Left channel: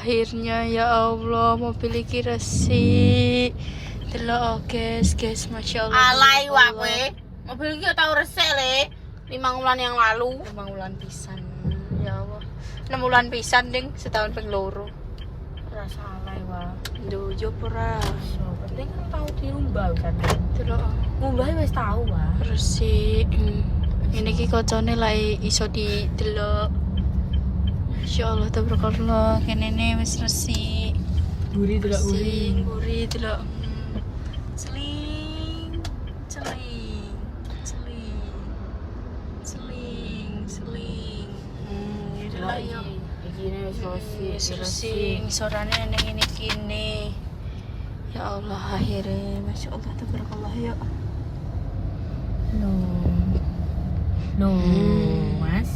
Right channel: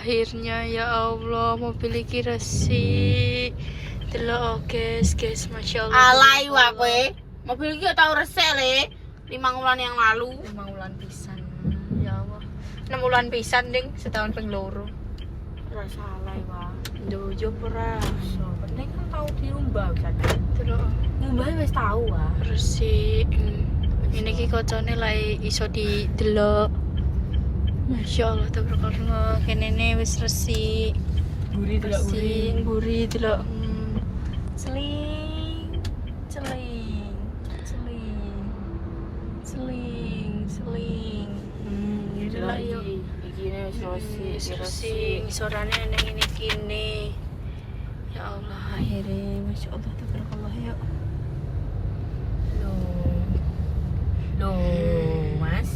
Akhirnya ya Allah mobil iki resik. Delok guys, Masya Allah. Alay wae kowe. Mobil iki tau resik le 5 bulan yang lalu. 5 bulan pisan. Ya Allah. 6 bulan pisan ding setahun ping loro. Rasa alay wae. Lho yo ora. Penting kan tau diumbah kan. Delok Ngumbahe wis tau wae. resik. Ini iki kocone lek iso didelok. Masya Allah tabarakallah. Kene wis resik. Guri delok guri. Gurih delok. Celing, celing, celing, celing, celing. Yaudah lah yuk. Sing sorane neng ini kini. Ya Allah akhirnya, Masya Allah tabarakallah yuk. No, Mas.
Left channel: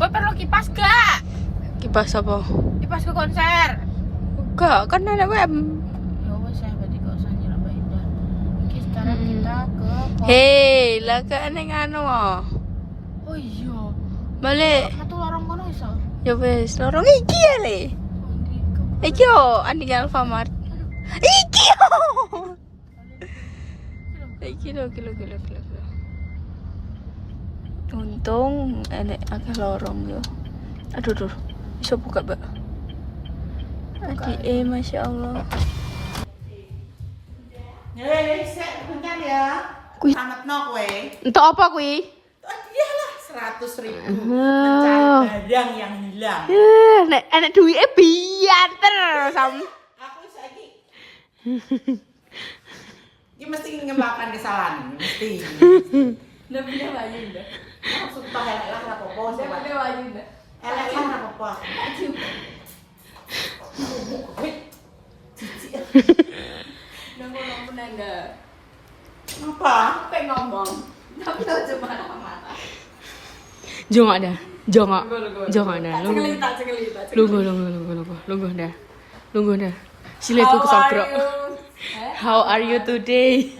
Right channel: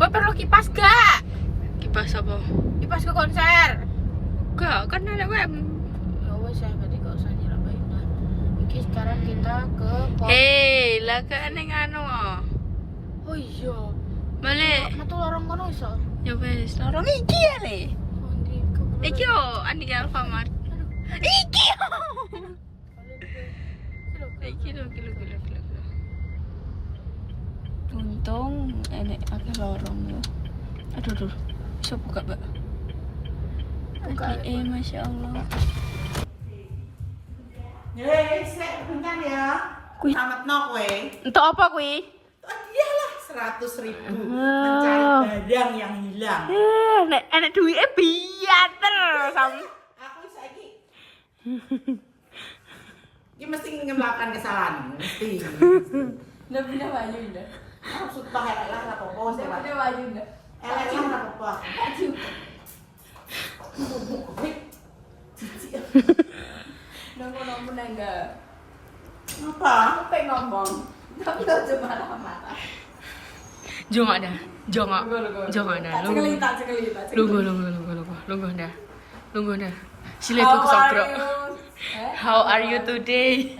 Gue perlu kipas gak? Kipas apa? Kipas ke konser. Enggak, kan ada web. Ya wes saya berarti gak usah nyerambah-nyerambah. Iki sekarang kita ke. Hei, lah ke neng anu. Oh iya. Balik. Metu lorong kono iso. Ya wes, lorong iki ya le. Iki yo, anding Alfamart. Iki yo. Iki lo, kilo. Untung enek akeh lorong yo. Aduh. Bisa buka, Mbak. Masya Allah. Sek bentar ya. Selamat no kowe. Untuk apa kui? Iyalah 100.000 mencari barang yang hilang. Nek enek duitnya bianter sama. Aku saiki. Ini mesti ngelakukan kesalahan, mesti. Nggak bisa baju dah. Aku suka elek lah apa-apa. Nggak bisa baju dah. Elek lah apa-apa. Nongol enggak. Apa? Aku pengen ngomong, tapi lo cuma marah-marah. Jangan dah. Lungguh dah. Silaku kesokrok. How are you today?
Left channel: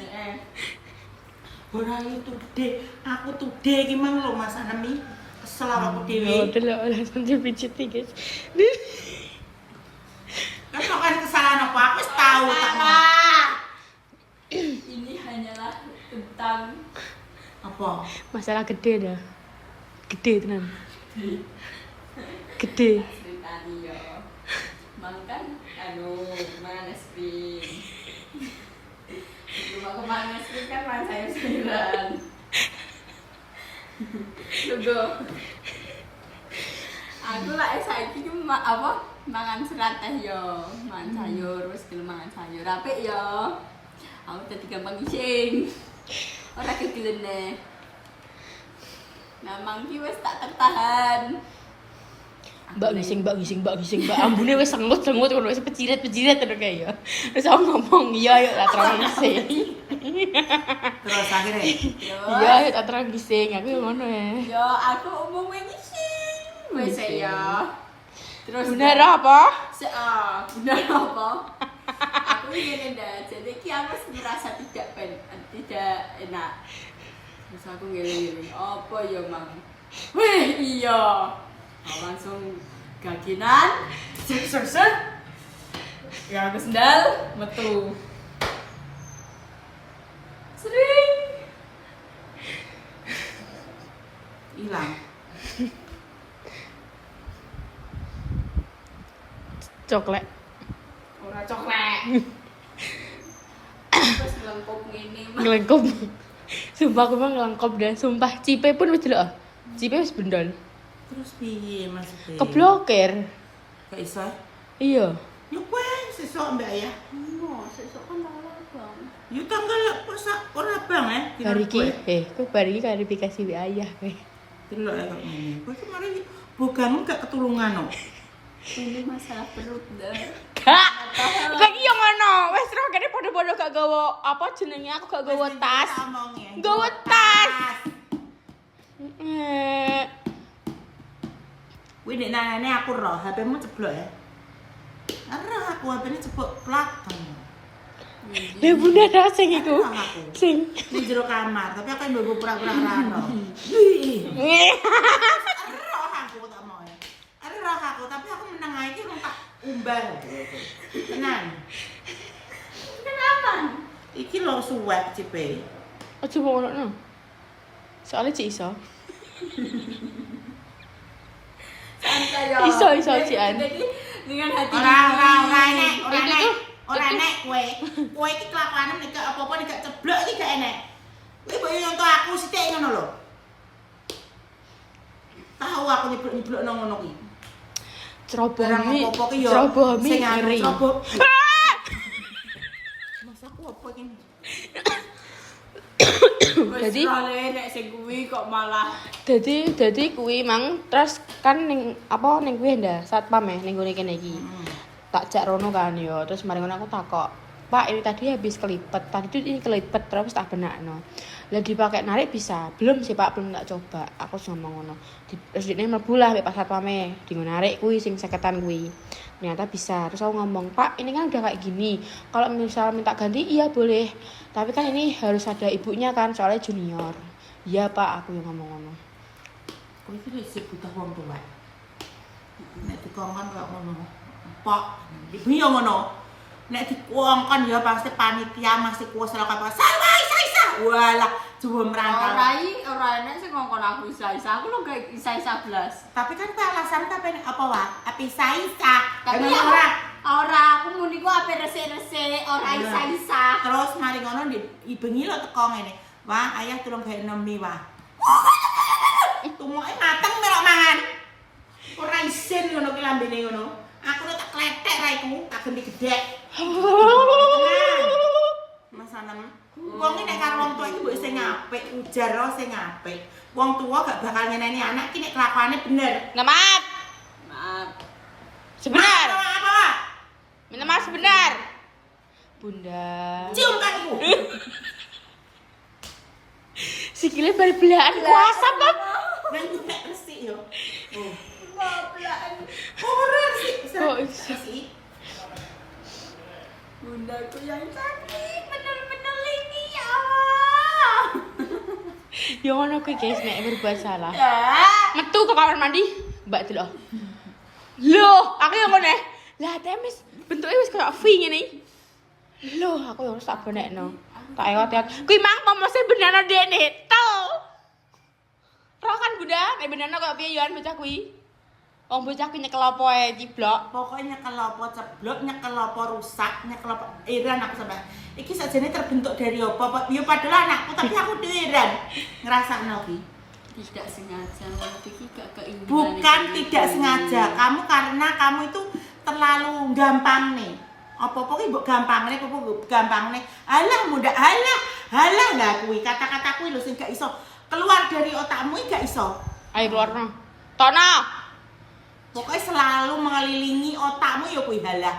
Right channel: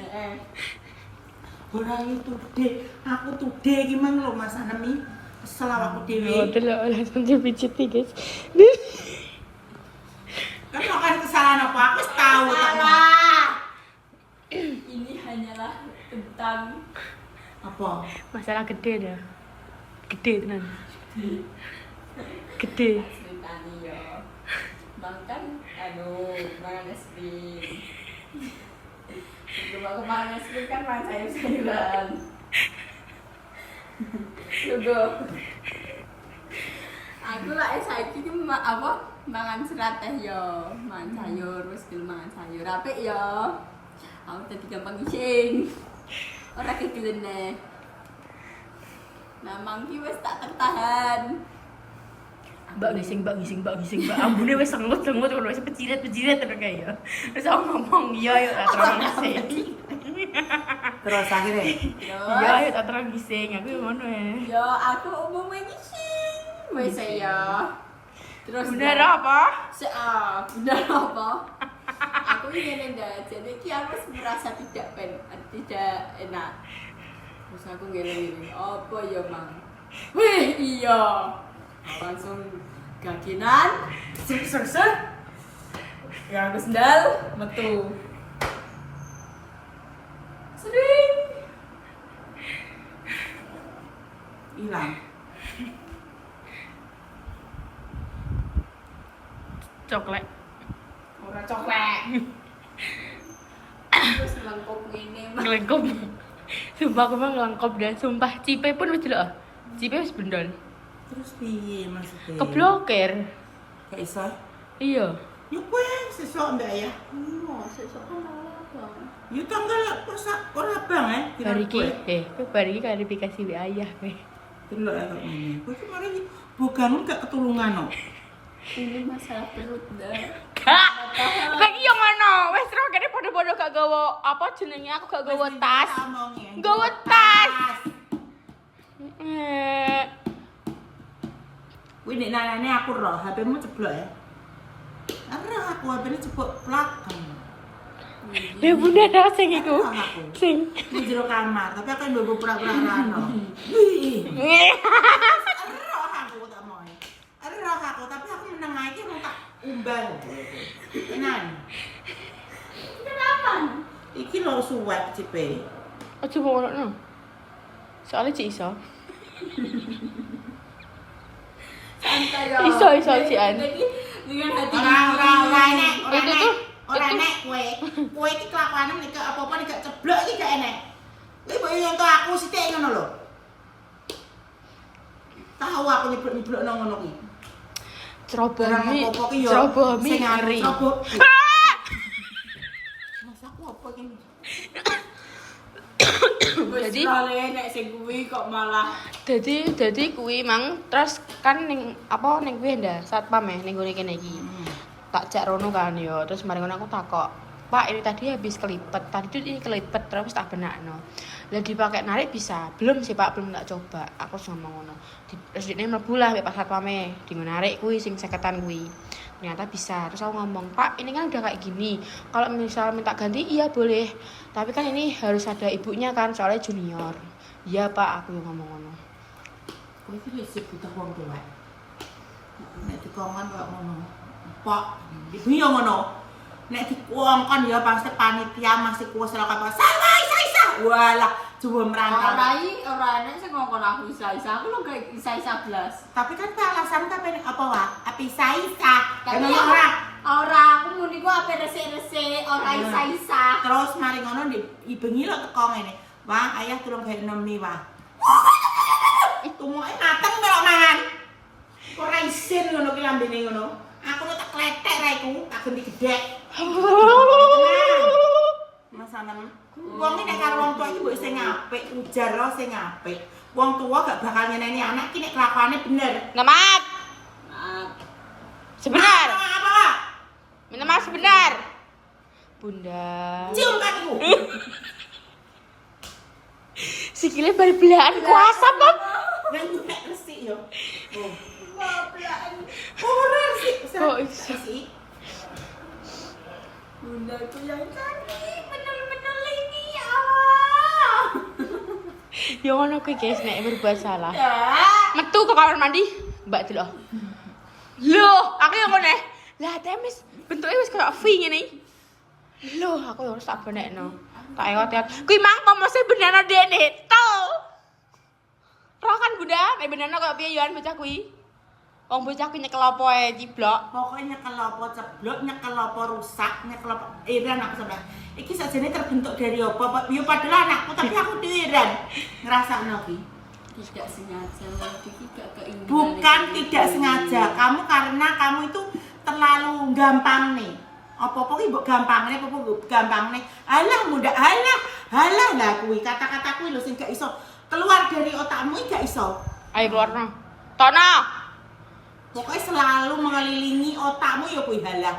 Ora itu deh. Aku tuh deh gimana lo Mas Anemi? Kesel aku dewe. Delok langsung dipijit guys. Kan kan kesalahan apa? Aku wis tahu tak. Ini hanyalah tentang Apa? Masalah gede dah. Gede tenan. Gede. ceritani ya. Makan mangan es krim. Cuma kemarin es krim kan makan sayur-sayuran. Lugo. Aku lah saiki cuma apa? Mangan serat teh yo, mangan sayur, wis gelem mangan sayur. Apik yo. Aku tadi gampang ngising. Ora kegelene. Nah, mangki wis tak tertahan. Mbak ngising. Ambune wis sengut ngono wis peciret terus kae ya. Terus aku ngomong, "Iya ya tak terang ngising." Terus akhirnya Iya ya tak terang ngising. Aku ngono ya. Yo, aku umumnya ngising. Wis ya. Terus Bener apa? benar apa? Aku ingin dah. Jadi ki aku merasa tidak enak. Terus aku ngeleng-ngeleng. Apa ya, Mang? Wih, iya. Langsung gaginan. Ser. Ya aku sendal metu. Sering. hilang. Coklat. Ora coklat. Wis lengkap ngene, Mang. Ngelengkop. Sumpah aku mah ngelengkop dan sumpah Cipe pun wis delok. Cipe wis bendol. Terus piye maksudnya? Keblokir. Gak iso. Iya. Yo kowe sesuk mbak ya. Sesuk kan tanggal Bang. Yo tanggal ora bang Hari iki kowe bari iki klarifikasi di ayah kowe. Delok ya kok ngene. Kowe kemarin bogamu gak ketulungan no. Ini masalah perut dah. Kak. Kak iya ngono. Wis terus kene padha-padha gak gawa apa jenenge aku gak gawa tas. Gawa tas. Kuwi nek nanane aku roh, HP-mu ceblok ya. Roh aku HP-ne cepuk plak. Lah bunda ta sing iku. Aku. Sing. Di jero kamar, tapi aku mbok pura-pura rano. Wih. Roh aku tak mau. Roh aku, tapi aku meneng ae iki rung tak umbal. Tenan. Kenapa? Iki lho suwek cipe. Aja ngono. Soalnya Cik iso. Santai ya. Iso Cian. Jadi dengan hati Ora enek kowe. Kowe iki kelakuane nek apa-apa nek ceblok iki gak enek. Kowe mbok nyontoh aku sithik ngono lho. Tahu aku nyeblok nang ngono ki. Cerobohane. Apa ki yo Cerobohane sing anu ngeri. ceroboh. Mas aku apa iki? Jadi nek sing kuwi kok malah Jadi kuwi mang terus kan ning apa ning kuwi ndak satpam ning gone kene iki. Tak jak rono kan yo. Terus mari ngono aku takok, "Pak, ini tadi habis kelipet. Tadi itu ini kelipet terus tak benakno." Lah dipakai narik bisa. Belum sih, Pak, belum tak coba. Aku ngomong ngono. Terus dene mlebu lah mek pas satpame di narik kuwi sing 50-an kuwi. Ternyata bisa. Terus aku ngomong, "Pak, ini kan udah kayak gini. Kalau misal minta ganti iya boleh. Tapi kan ini harus ada ibunya kan, soalnya junior." "Iya, Pak," aku yang ngomong ngono. Kowe iki wis butuh wong tuwa. Nek dikongkon kok ngono. Pak, ibu yo ngono. Nek dikongkon ya pasti panitia masih kuwes lho kata, "Salah, isa." Walah, coba merantau. ora enek sing ngongkon aku isa-isa. Aku lho gak isa-isa blas. Tapi kan ku alasan ta pengen apa wae? Api isa. Tapi Ngono ora. ora aku muni ku ape resik-resik, ora isa-isa. Terus mari ngono ibengi lho teko ngene. Wah, ayah tulung gawe nemi wah. Tumuke mateng melok mangan. Ora isin ngono ki lambene ngono. Aku tak kletek ra iku, tak ganti gedhek. Mas Anem, wong iki nek karo wong tuwa iki mbok sing apik, ujar lo sing apik. Wong tuwa gak bakal nyeneni anak iki nek kelakuane bener. Minta maaf. Maaf. Sebenar. Apa? Minta maaf sebenar. Bunda. Cium kakiku. Sikile bal-belaan kuasa, Pak. Nang nek resik yo. Oh. Maafan. Ora resik. Kok iso? Resik. Bundaku yang cantik, menel-menel ini ya Allah. Ya ngono kuwi guys nek berbuat salah. Ya. Metu ke kamar mandi, Mbak delok. Loh, aku yang ngene. Lah temis bentuke wis koyo V ngene. Loh, aku harus tak benekno. Tak ewat-ewat. Kuwi mang pomose benana dene. Tuh. Roh kan Bunda, nek benana koyo piye yo bocah kuwi. Wong bocah kuwi nyekel apa ae ciblok. Pokoknya nyekel apa ceblok, nyekel apa rusak, nyekel apa iran aku sampe. Iki sakjane terbentuk dari apa? Ya padahal anakku tapi aku dhewe iran. Ngrasakno iki. Tidak sengaja, iki gak keinginan. Bukan tidak sengaja. Kamu karena kamu itu terlalu gampang nih. Apa-apa ki mbok gampangne, apa mbok gampangne. Alah muda, halah lah kuwi kata-kata kuwi lho sing gak iso keluar dari otakmu iki gak iso. Ayo warna. Tono. Pokoknya selalu mengelilingi otakmu ya kuwi halah.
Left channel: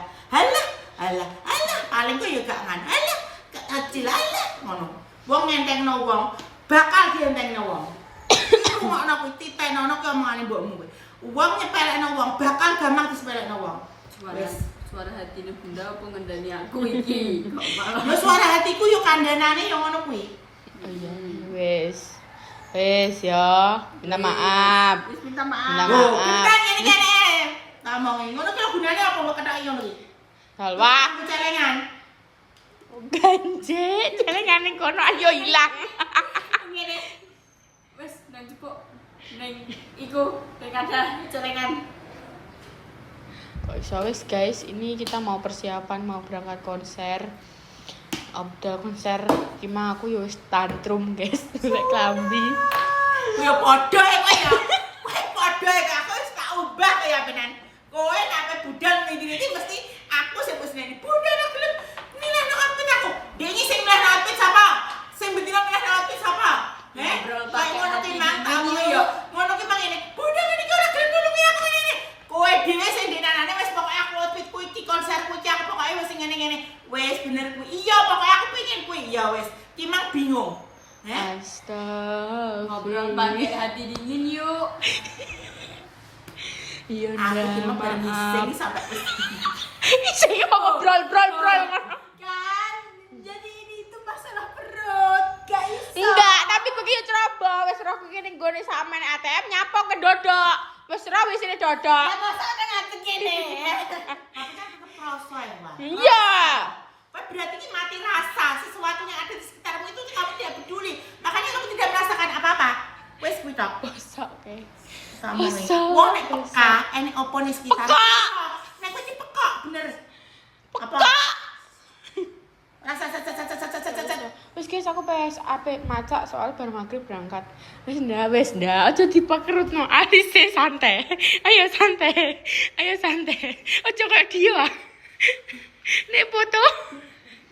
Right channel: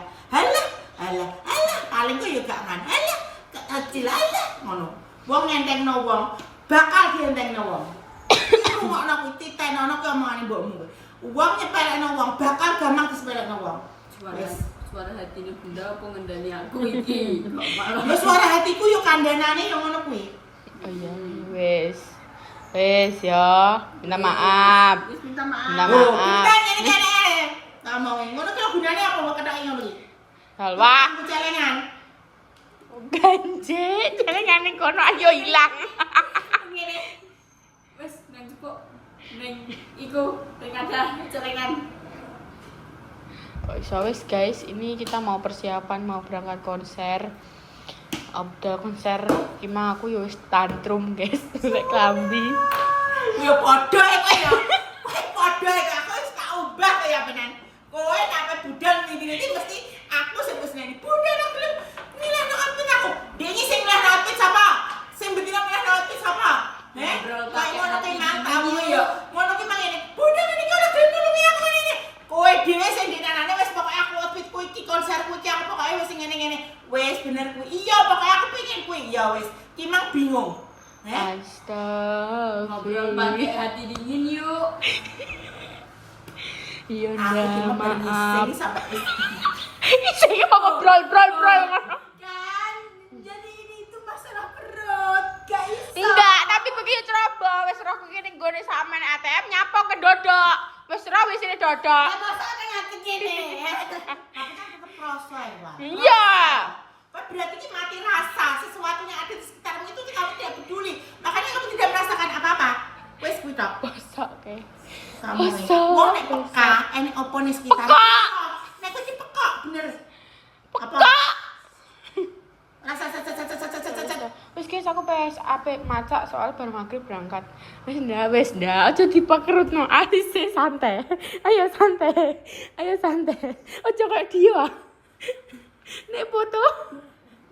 Paling kok ya gak ngan. Halah, kecil halah ngono. Wong ngentengno wong, bakal dientengno wong. Rungokno kuwi titenono ki omongane mbokmu kuwi. Wong nyepelekno wong, bakal gampang disepelekno wong. Suara hatine Bunda apa ngendani aku iki? Kok malah Ya suara hatiku yo kandhanane yo ngono kuwi. Oh iya, wis. Wis ya, minta maaf. wis minta maaf. Minta Loh, maaf. kita ngene-ngene. Ngomongin ngono ki lho gunane apa kok kethaki ngono ki? Salwa. Aku celengan. Ganje, jangan kono ayo hilang. Ngene. Wis nang cukup ning iku ada celengan. Kok iso wis guys, ini kita mau persiapan mau berangkat konser. Abdal konser gimana aku yo wis tantrum guys, nek klambi. Ya padha kowe ya. Kowe padha aku wis tak ubah kaya penan. Kowe nek budal ngene-ngene mesti aku sing wis ngene. Budal aku gelem milihno outfit aku. Dene sing milihno outfit sapa? Sing betina milihno outfit sapa? Kayak ngono ki mantap yo. Ngono ki mangene. Budal ngene iki ora gelem nulungi aku ngene. Kowe dhewe sing dinanane wis pokoke aku outfit kuwi iki konserku iki aku pokoke wis ngene-ngene. Wis bener kuwi. Iya pokoke aku pengen kuwi. Iya wis. Ki mang bingung. Ngobrol pakai hati dingin yuk. Iya Aku ndak cuma maaf. bermising sampai Sing ngobrol. Kan dodok. Ya masa kan ngatek kene. Tapi kan tetep rasa ya, Pak. Iya. Kau berarti ini mati rasa. Sesuatu yang ada di sekitarmu itu kamu tidak peduli. Makanya kamu tidak merasakan apa-apa. Wes kuwi tok. Bosok oke. Kamu nih. Masa? Wong nek peka, enek opo ning sekitar. Nek kowe iki pekak bener. Apa? Rasa. Wis guys aku pas apik macak soal bar maghrib berangkat. Wis ndak aja dipakerutno. Alise santai. Ayo santai. Ojo kayak dia. Nek foto.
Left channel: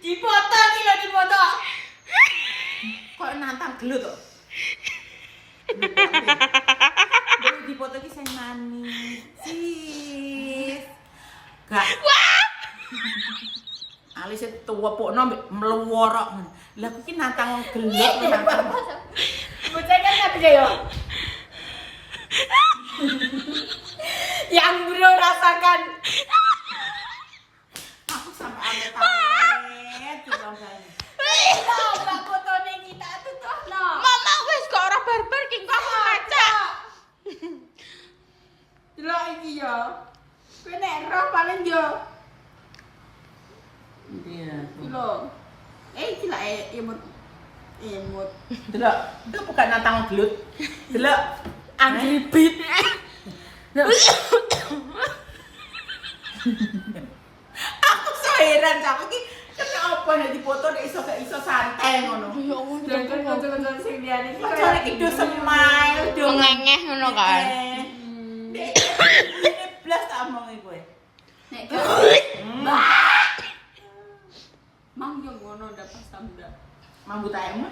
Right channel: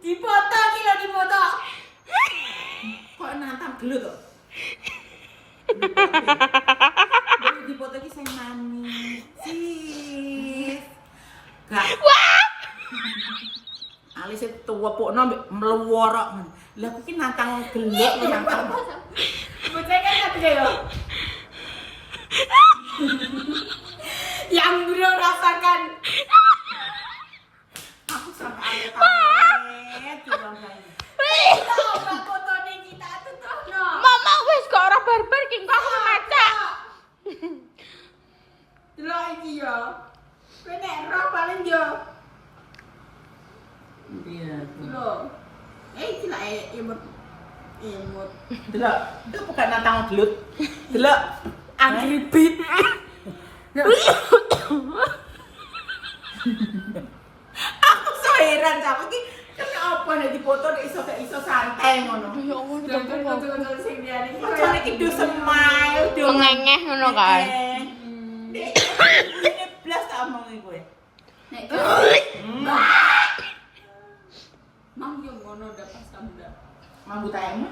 Dipoto iki lho dipoto. Kok nantang gelut kok. Dipoto iki sing manis. Sis. Gak. Wah. Alise tuwepukno mbek mluworok. Lah iki nantang gelut nantang. Bocah kan ngerti ya. Yang bro rasakan. Aku sampai alet. Coba saya. Coba fotone kita tutono. Mama wis kok ora barbar ki kok aku macak. Delok iki yo. Kowe nek roh paling yo. Iya. Lho. Iki lah emot. Delok, itu bukan nantang gelut. Delok, Angry Beat. aku so heran sama iki. Kenapa nek dipoto nek iso santai ngono. Ya Allah, Jangan sing diane iki. Kok iki do smile, do ngengeh ngono kan. Ini blas tak omong kowe. Nek mang yo ngono ndak pas tamda. Mambut ayam.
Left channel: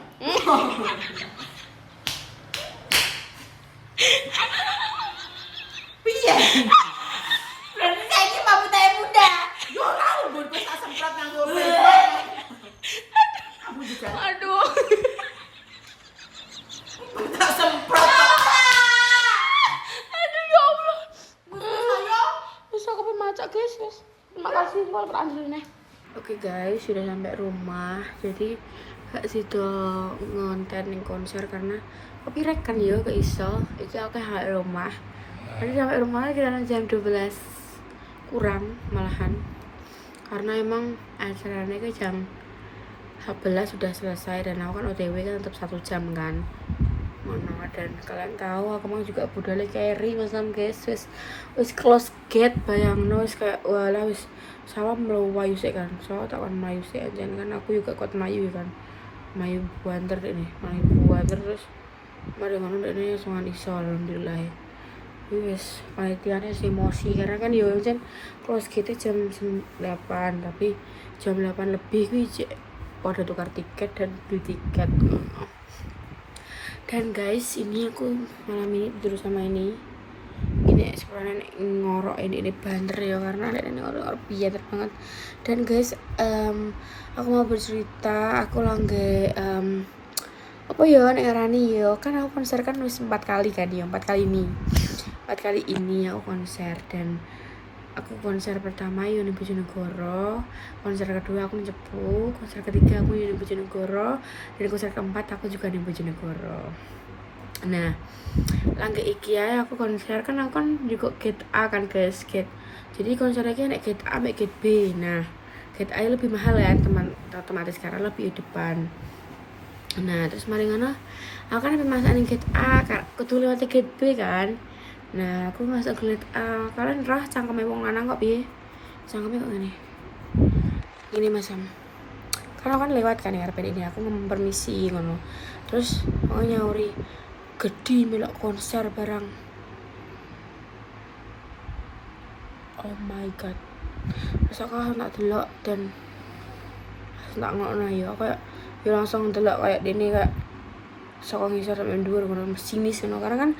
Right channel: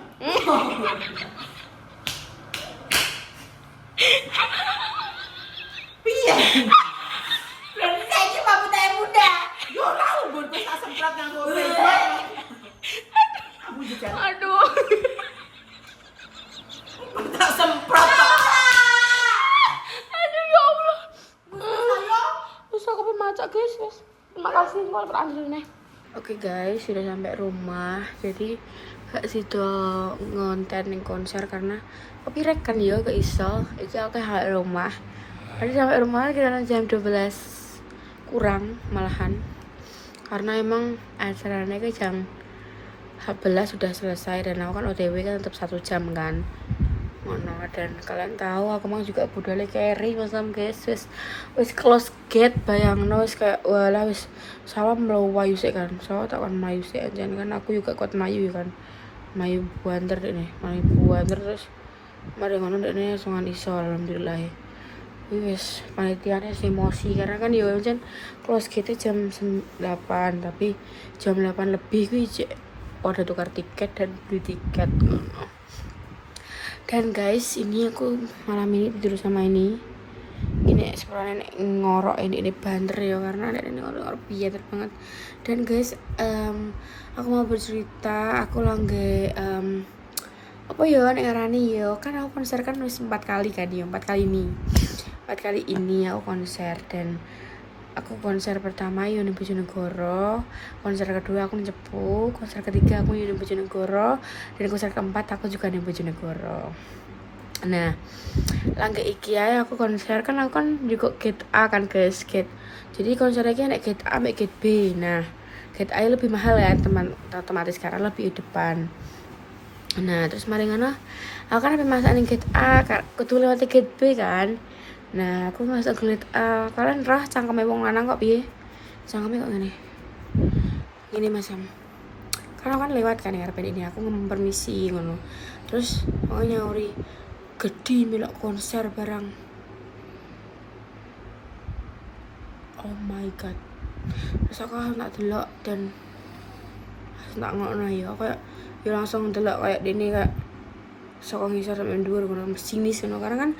Piye? Berarti saiki mambut ayam muda. Yo ora mbon kowe tak semprot nganggo bebek. Aku juga Aduh. tak semprot kok. Aduh ya Allah. Bisa aku pemacak guys. Terima kasih kalau peranjurnya. Oke guys, sudah sampai rumah. Jadi gak sido ngonten ning konser karena copyright kan ya gak iso. Iki aku hal rumah. Tadi sampai rumah kira jam 12 kurang malahan. Karena emang acaranya ke jam 11 sudah selesai dan aku kan OTW kan tetap 1 jam kan. Ngono dan kalian tahu aku emang juga budale carry masam guys. Wis close gate bayangno wis kayak walah wis salam lo wayu sik kan. Salah tak kan mayu sik anjen kan aku juga kuat mayu kan. Mayu buanter dek nih. Mayu buanter terus mari ngono dek nih langsung iso alhamdulillah. Wis panitiane emosi karena kan yo anjen close gate jam 8 tapi jam 8 lebih kuwi pada tukar tiket dan beli tiket ngono. Dan guys, ini aku malam ini tidur sama ini sebenarnya ngorok ini banter ya karena ini ngorok biadar banget. Dan guys, aku mau bercerita, aku lagi apa ya nek ngarani ya kan aku konser kan wis 4 kali kan ya 4 kali ini aku konser. Dan aku konser pertama yo ning Bojonegoro, konser kedua aku ning Cepu, konser ketiga aku ning Bojonegoro, dan konser keempat aku juga ning Bojonegoro. Nah, langge iki ae aku konser kan aku kan juga gate A kan guys, gate. Jadi konser iki nek gate A mek gate B. Nah, gate A lebih mahal ya teman, otomatis karena lebih di depan. Nah, terus mari ngono, aku kan masak ning gate A, kudu lewat gate B kan. Nah, aku masuk gate A. Kalian roh cangkeme wong lanang kok piye? Cangkeme kok ngene. Ini Masam. Karena kan lewat kan ya ini aku ngomong permisi ngono. Terus mau nyauri gede melok konser barang. Oh my god. Terus aku nak delok dan tak ngono ya kayak ya langsung delok kayak dene kayak saka ngisor sampe dhuwur ngono mesinis ngono karena kan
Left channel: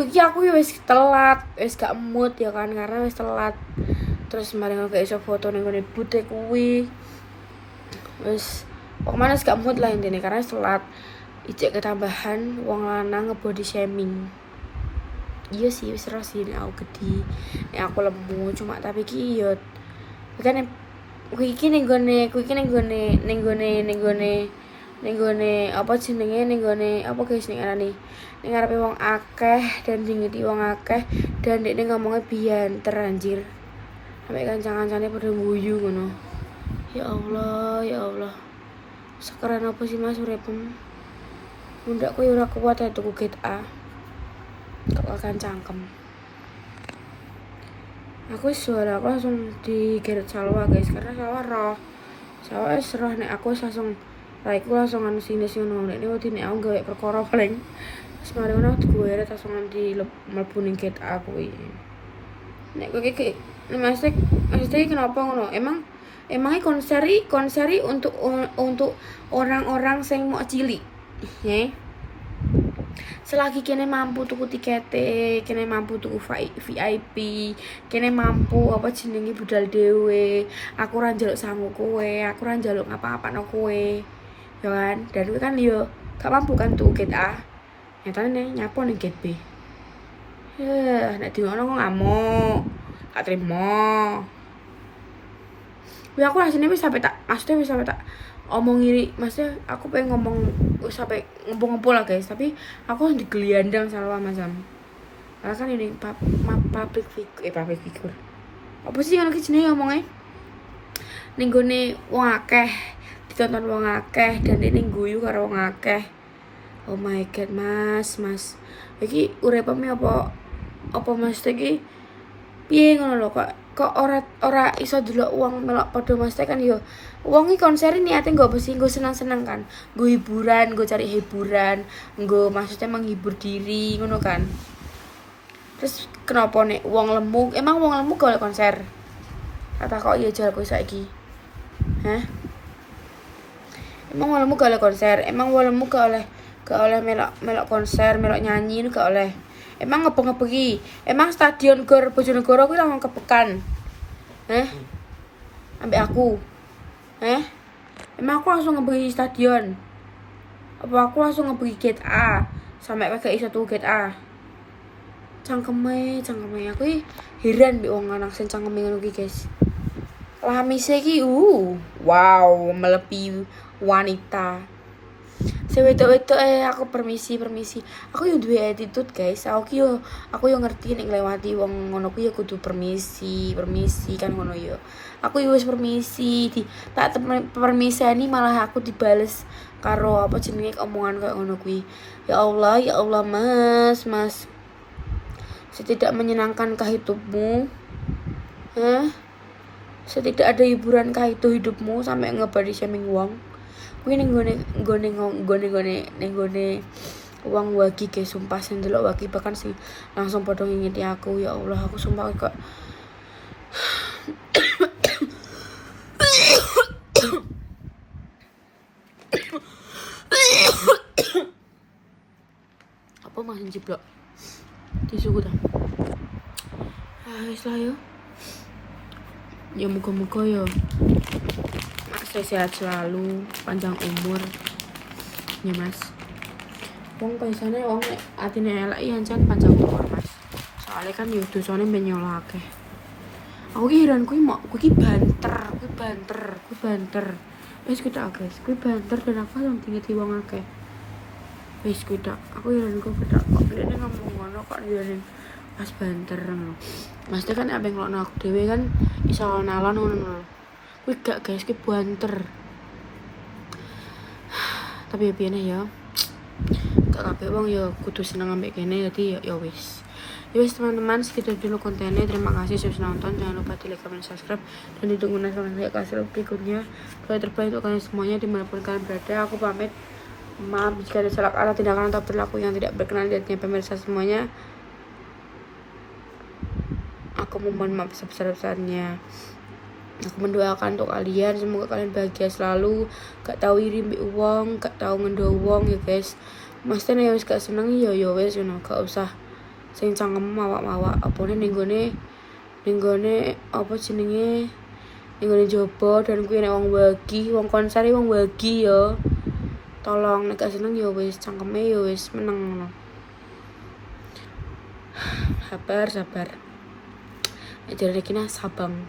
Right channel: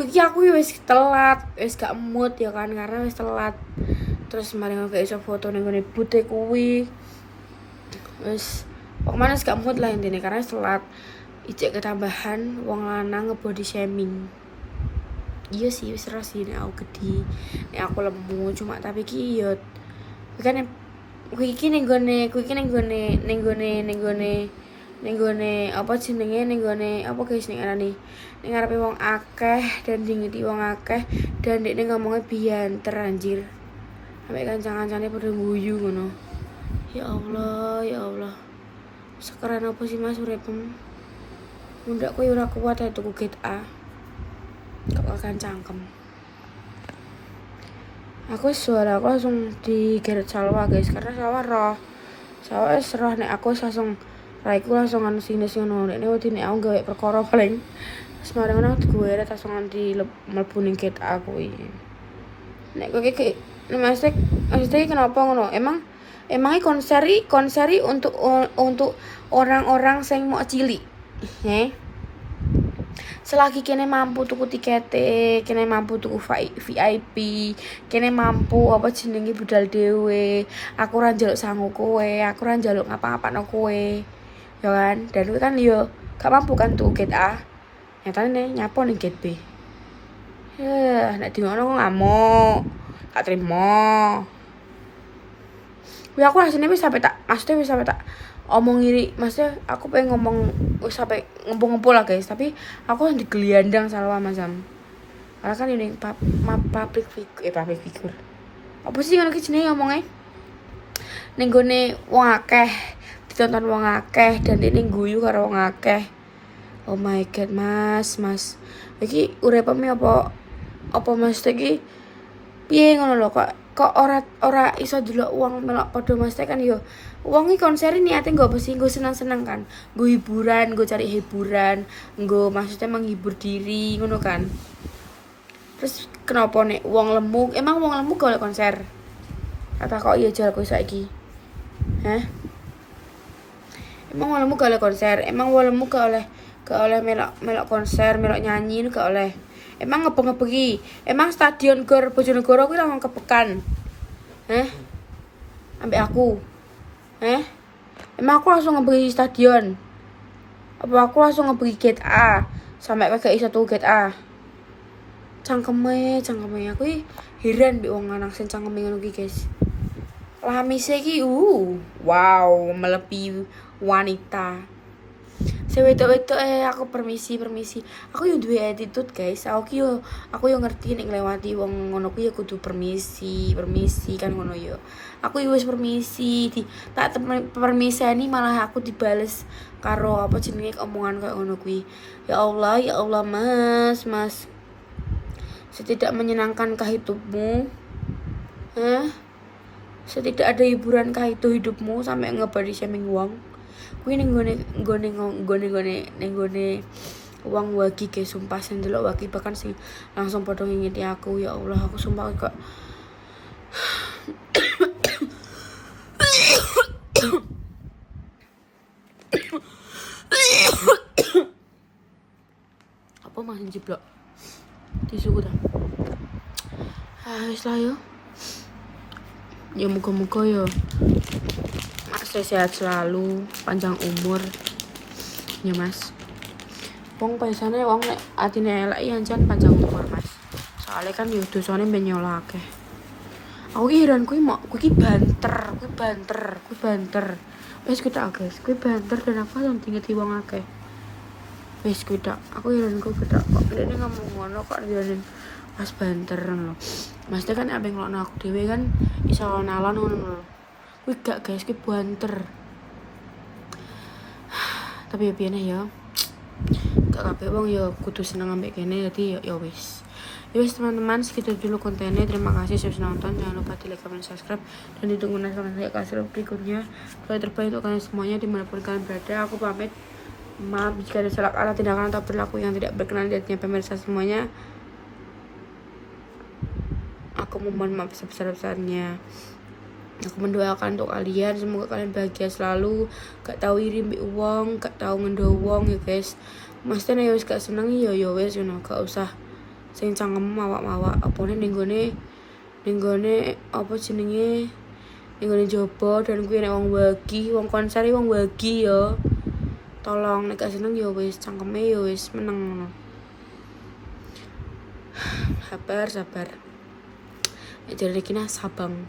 aku wis telat, wis gak mood ya kan karena wis telat. Terus mari ngono gak iso foto ning ngene bute kuwi. Wis pokoknya wis gak mood lah intine karena wis telat. Ijek ketambahan wong lanang nge-body shaming. Iya sih wis ora sih aku gede. Nek aku lemu cuma tapi ki yo kan kuwi iki ning gone apa jenenge ning gone apa guys ning arane ning ngarepe wong akeh dan dingeti wong akeh dan dekne ngomongnya bianter anjir. Sampai kancang-kancane pada guyu ngono. Ya Allah, ya Allah. Sekarang apa sih Mas uripmu? Mundak kowe ora kuat ya tuku Get A. Kok akan cangkem. Aku suara aku langsung digeret Salwa guys karena Salwa roh. Salwa roh nek aku langsung raiku langsung anu sing ngono nek wedi nek aku gawe perkara paling semare ngono gue langsung di mlebu ning Get A kuwi. Nek kowe iki maksudnya kenapa ngono? Emangnya konseri untuk orang-orang sing mau cilik. Selagi kene mampu tuku tiket, kene mampu tuku VIP, kene mampu apa jenenge budal dhewe. Aku ora njaluk sangu kowe, aku ora njaluk ngapa-ngapano kowe. Ya kan? Dan kowe kan yo gak mampu kan tuku Get A. Nyatane nyapo ning Get B. Nek di ngono kok ngamuk. Gak terima. Kuwi aku rasane wis sampe tak omong iri, maksudnya aku pengen ngomong wis sampai ngempul lah guys, tapi aku harus digeliandang Salwa macam. Karena kan ini public figure. Apa sih ngono ki jenenge ngomongnya? Ning gone wong akeh, ditonton wong akeh dan ini guyu karo wong akeh. Oh my god, Mas. Iki uripmu apa Mas iki? Piye ngono lho kok ora iso delok wong melok padha Mas kan yo. Wong iki konser niate nggo apa sih? Nggo senang-senang kan. Nggo hiburan, nggo cari hiburan, nggo maksudnya menghibur diri ngono kan. Terus kenapa nek wong lemu? Emang wong lemu gak oleh konser? Kata kok iya jal kowe saiki. Hah? Emang wong lemu gak oleh konser? Emang wong lemu gak oleh melok konser, melok nyanyi gak oleh. Emang ngebeng-ngebengi. Emang stadion Gor Bojonegoro kuwi langsung kepekan. Ambek aku. Emang aku langsung ngebeli stadion? Apa aku langsung ngebeli Get A? Sampai gak iso tuku Get A. Cangkeme aku heran mbek wong anak sing cangkeme ngono iki, guys. Lamise iki wow, melebihi wanita. Sewedok-wedok aku permisi. Aku yo duwe attitude, guys. Aku yo ngerti nek nglewati wong ngono kuwi yo kudu permisi kan ngono yo. Aku wis permisi, tak permiseni malah aku dibales karo apa jenenge omongan kayak ngono kuwi. Ya Allah, Mas. Setidak menyenangkankah hidupmu? Setidak ada hiburankah itu hidupmu sampai ngebody shaming wong? Kuwi ning gone wong wagi guys, sumpah sing delok wagi bahkan sing langsung padha ngingeti aku. Ya Allah, aku sumpah kok apa masih jeblok tisuku dah. Wis lah yo. Ya muga-muga yo Mas sehat selalu, panjang umur. Ya Mas. Wong biasane wong nek atine elek ya jan panjang umur, Mas. Soalnya kan yo dosane ben nyolake. Aku ki heran kuwi banter. Wis kita guys, kuwi banter dan aku langsung dingeti wong akeh. Wis kita, aku heran kok kita kok dene ngomong ngono kok dia pas banter ngono. Maksudnya kan abeng ngelokno aku dhewe kan iso nalon ngono. Kuwi gak guys, kuwi banter. Tapi piye ya. Gak kabeh wong ya kudu seneng ambek kene dadi ya wis. Yus teman-teman, segitu dulu kontennya. Terima kasih sudah nonton. Jangan lupa di like, comment, subscribe, dan ditunggu next kasih berikutnya. Kalau terbaik untuk kalian semuanya dimanapun kalian berada. Aku pamit. Maaf jika ada salah kata, tindakan atau perilaku yang tidak berkenan di hatinya pemirsa semuanya. Aku mohon maaf sebesar-besarnya. Aku mendoakan untuk kalian, semoga kalian bahagia selalu. Gak tahu iri mbek wong, gak tahu ngendo wong ya guys. Maksudnya ya wis gak seneng ya wis gak usah sing cangkem mawak-mawak apane ning gone apa jenenge ning gone jobo dan kuwi nek wong konser wong wagi ya. Tolong nek gak seneng ya wis cangkeme ya wis meneng ngono. Sabar. Jadi kena sabang.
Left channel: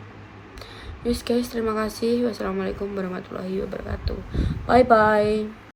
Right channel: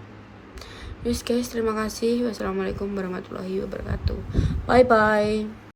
Yes guys, terima kasih. Wassalamualaikum warahmatullahi wabarakatuh. Bye bye.